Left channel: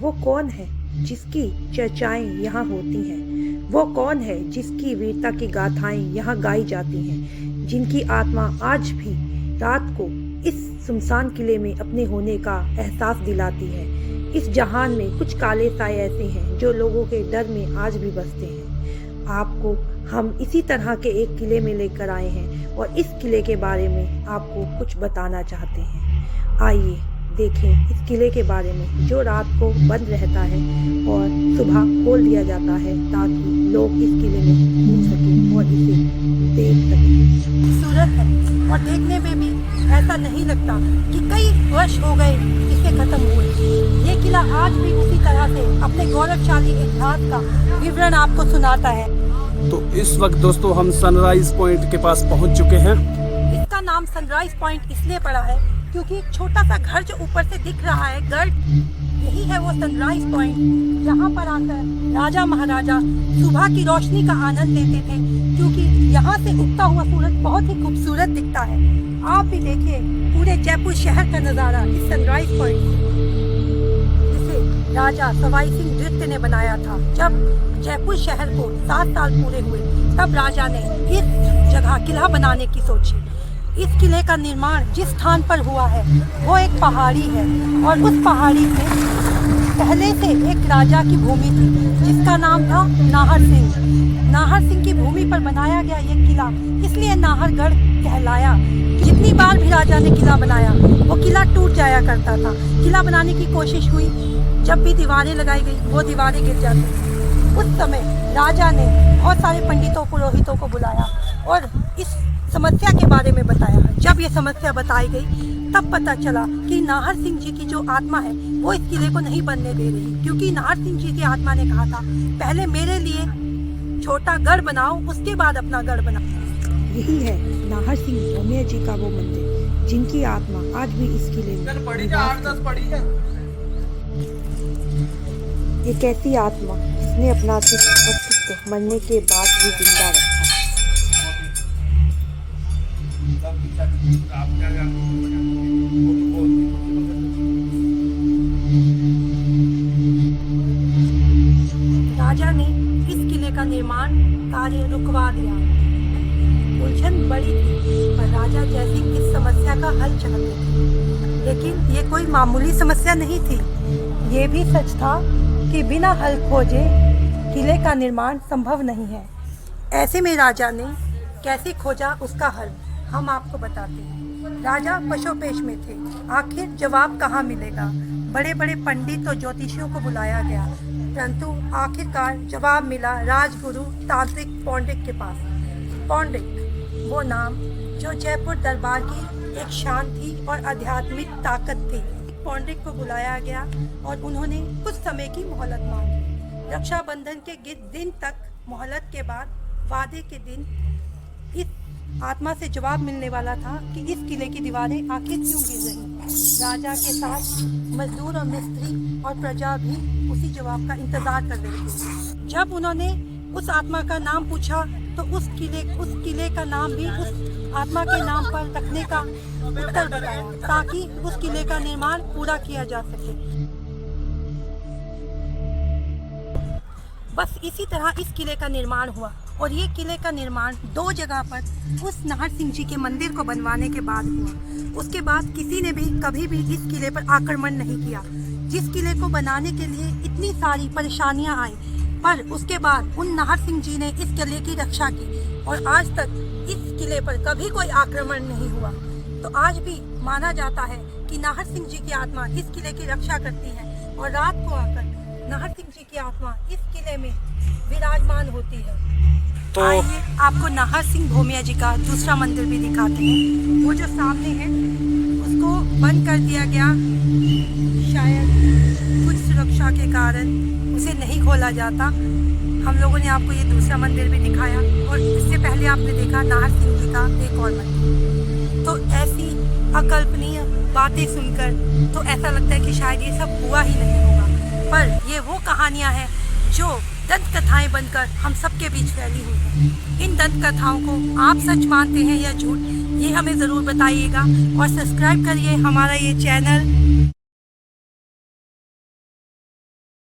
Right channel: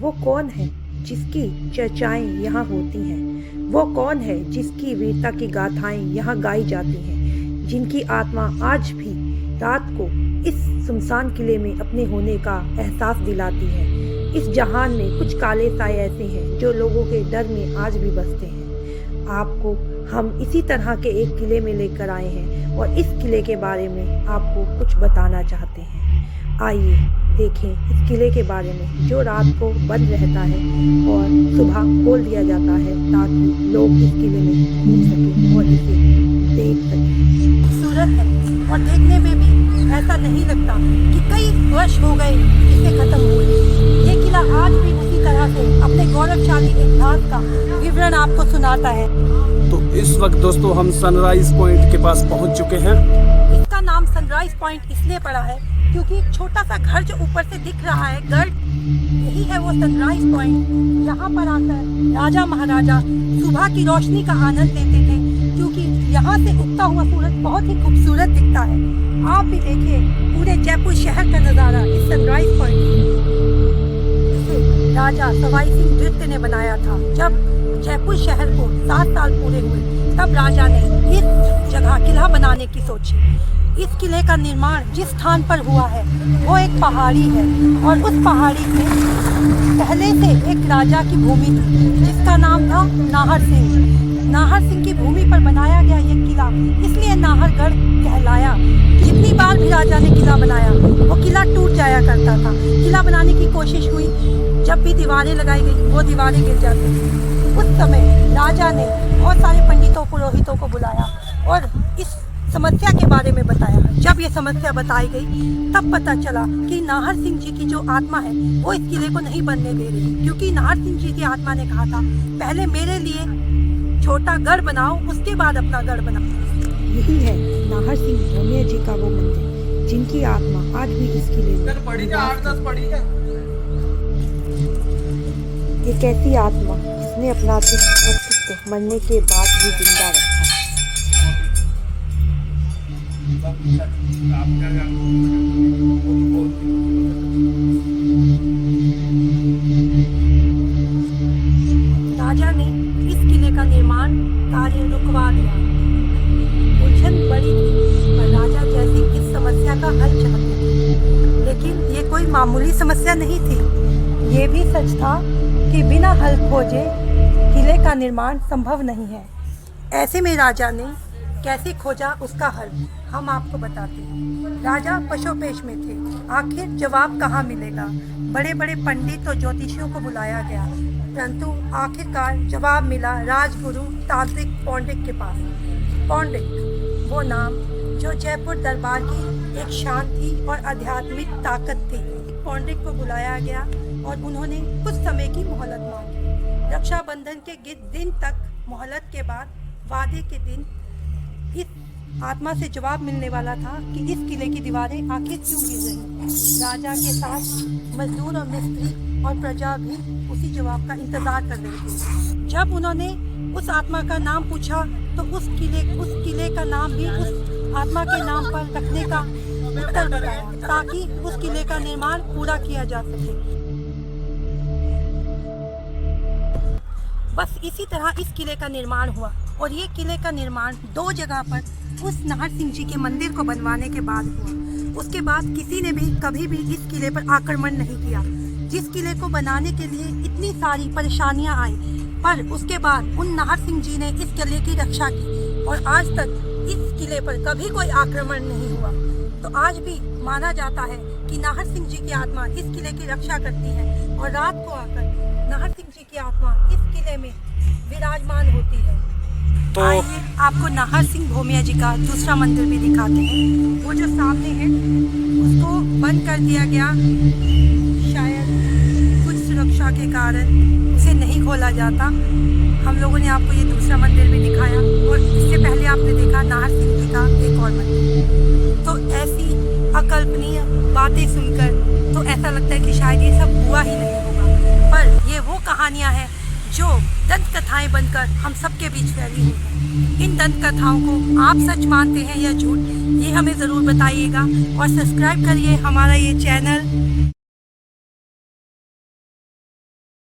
वो कौन है जिसकी चर्चाएं यहाँ होती हैं? वो कौन है जिसकी वीरता की गाथाएं यहाँ गाई जाती हैं, जिनकी आत्मा आज भी रात को इस सुनसान किले में अपने होने का एहसास दिलाती है? इस जहान में कुछ काले साए ऐसे हैं जो लोगों के डर में आज भी बसते हैं। आपको हम इसी तरह के एक किले में लेकर आए हैं और इस किले के बारे में आपको कुछ बताना चाहते हैं। आइए देखें इस किले के बारे में, जो रात को बंद रहता है और सुबह खोल दिया जाता है ताकि लोग इस किले में घूम सकें और इसे देख सकें। खूबसूरत है और देखने में भी ऐसा नहीं लगता कि कई वर्ष हो गए इसे खत्म हुए। ये किला आज भी उसी तरह से अपने गौरवशाली इतिहास का विवरण आपको सुनाता है। तो इस वक्त दोस्तों हम सनराइज पॉइंट के पास पहुंच चुके हैं। इसका नाम सनराइज पॉइंट इसलिए पड़ा है क्योंकि एक छोटा सा घर जो ऊपर से दिख रहा है गर्द, यही है वो सनराइज पॉइंट। यहाँ पर आकर राजा महाराजा सुबह की रोशनी का आनंद लेते थे, क्योंकि यहाँ से उगता हुआ सूरज बहुत ही खूबसूरत दिखता है। आप भी देखिए पूरे जयपुर शहर का नजारा इस सनराइज पॉइंट में, जिसे राजा सवाई सिंह नृत्य ने बनाया था। जब जयपुर शहर को 7 साल पूरे हुए तब राजा ने इस जगह किला बनाने की सोची। इस किले का निर्माण जिस स्थान पर हुआ है वो एक पहाड़ी है और उस पहाड़ी में पहले से एक राजा की भूमि थी जिसका नाम था नाहर सिंह। नाहर सिंह की भूमि पर बनाया गया ये किला इसलिए नाहरगढ़ कहलाया। जितनी बार भी राजा ने किला बनाया वो किला टूट जाया करता था। किला बनाने की कोशिश हुई, जब भी दीवारें लगाई गई वो दीवारें गिर जाती थी। उस समय राजा ने बहुत सारे पंडितों पुरोहितों को बुलाया और इस समस्या के बारे में बताया। जब ये समस्या बताई गई तब पता चला कि नाहर सिंह जी की जो आत्मा है वो इस किले को नहीं बनने दे रही, क्योंकि नाहर सिंह जी की आत्मा ने कहा था पहले मेरे लिए छोटा गढ़ बनाओ, उसके बाद अपना गढ़ बनाओ। यही है नाहर सिंह भोमिया जी का वो मंदिर जिनकी आत्मा आज भी इस किले में निवास करती है। एक ऐसी आत्मा जिसने अपना अस्तित्व मरने के बाद भी जिंदा रखा। राजा ने इस किले का निर्माण कार्य रुकवा दिया। उलझन बड़ी थी पर राजा जैसी इस समस्या का हल चाहते थे, लेकिन ये कोई मामूली समस्या नहीं थी। ये भी सच था कि बिना हल खोजे किले का निर्माण संभव नहीं है। ऐसे में राजा ने कैसे खोजा उसका हल हम आपको बताते हैं। राजा पशोपेश में थे, आखिर जवाब कहाँ मिलेगा। बड़े बड़े पंडित और ज्योतिषियों को बुलाया गया, परंतु आखिरकार जवाब मिला राजगुरु तांत्रिक पौंडिक के पास। पौंडिक वो नाम जो जयपुर दरबार की एक शांति और आध्यात्मिक ताकत थी। पौंडिक को बुलाया गया और उन्होंने कुछ समय की मोहलत मांगी। रक्षाबंधन के दिन तक मोहलत के बाद वादे के दिन इस आत्मा से जवाब मिलने वाला था कि इस किले की दीवारें आखिर क्यों गिर रही। राजा के साथ मजदूर और मिस्त्री और प्रजा भी उसी जवाब का इंतजार कर रहे थे। जब उन्होंने उस आत्मा का नाम पूछा तो उस किले का नाम भी उस आत्मा के नाम पर रखने का उत्तर बताया, ताकि उस किले का निर्माण पूरा किया जा सके। बस इसी तरह इस किले का निर्माण हुआ और ये किले का निर्माण 2 जगह पर उस नाहर सिंह जी के मंदिर को बनवाने के बाद हुआ। उसके बाद किसी ने भी कभी भी इस किले पर आक्रमण नहीं किया। जिस किले को बनाने के लिए इतनी सारी परेशानियां आई, पर उसके बाद उन नाहर सिंह जी ने इस किले की रक्षा की और आज तक इस किले पर कभी कोई आक्रमण नहीं हुआ। तो आज भी माना जाता है कि नाहर सिंह जी की आत्मा इस किले की रक्षा करती है और रात को आकर नाहर सिंह जी की आत्मा इस किले में विराजमान होती है। तो आइए आपको नाहर सिंह भोमिया जी का दूसरा मंदिर भी दिखाते हैं। वो जो सामने है उसको बंद कर दिया गया, शायद कुछ सुरक्षा के कारण उसे नहीं खोला जाता। हम लोगों ने आपको ये दूसरा मंदिर भी दिखाया और इससे पहले आपने देखा नाहर सिंह जी का एक और मंदिर। तो ऐसी अकल्पनीय बातें सुनकर तो ऐसा लगता है कि शायद ये सब हुआ ही नहीं होगा, पर ये वो कहानियां हैं जो दंत कथाएं बनकर हम सबके बीच फैली हुई हैं। इन दंत कथाओं को आप सच मानते हैं या झूठ, ये हमें ज़रूर बताइएगा और सब्सक्राइब करिए हमारा ये चैनल।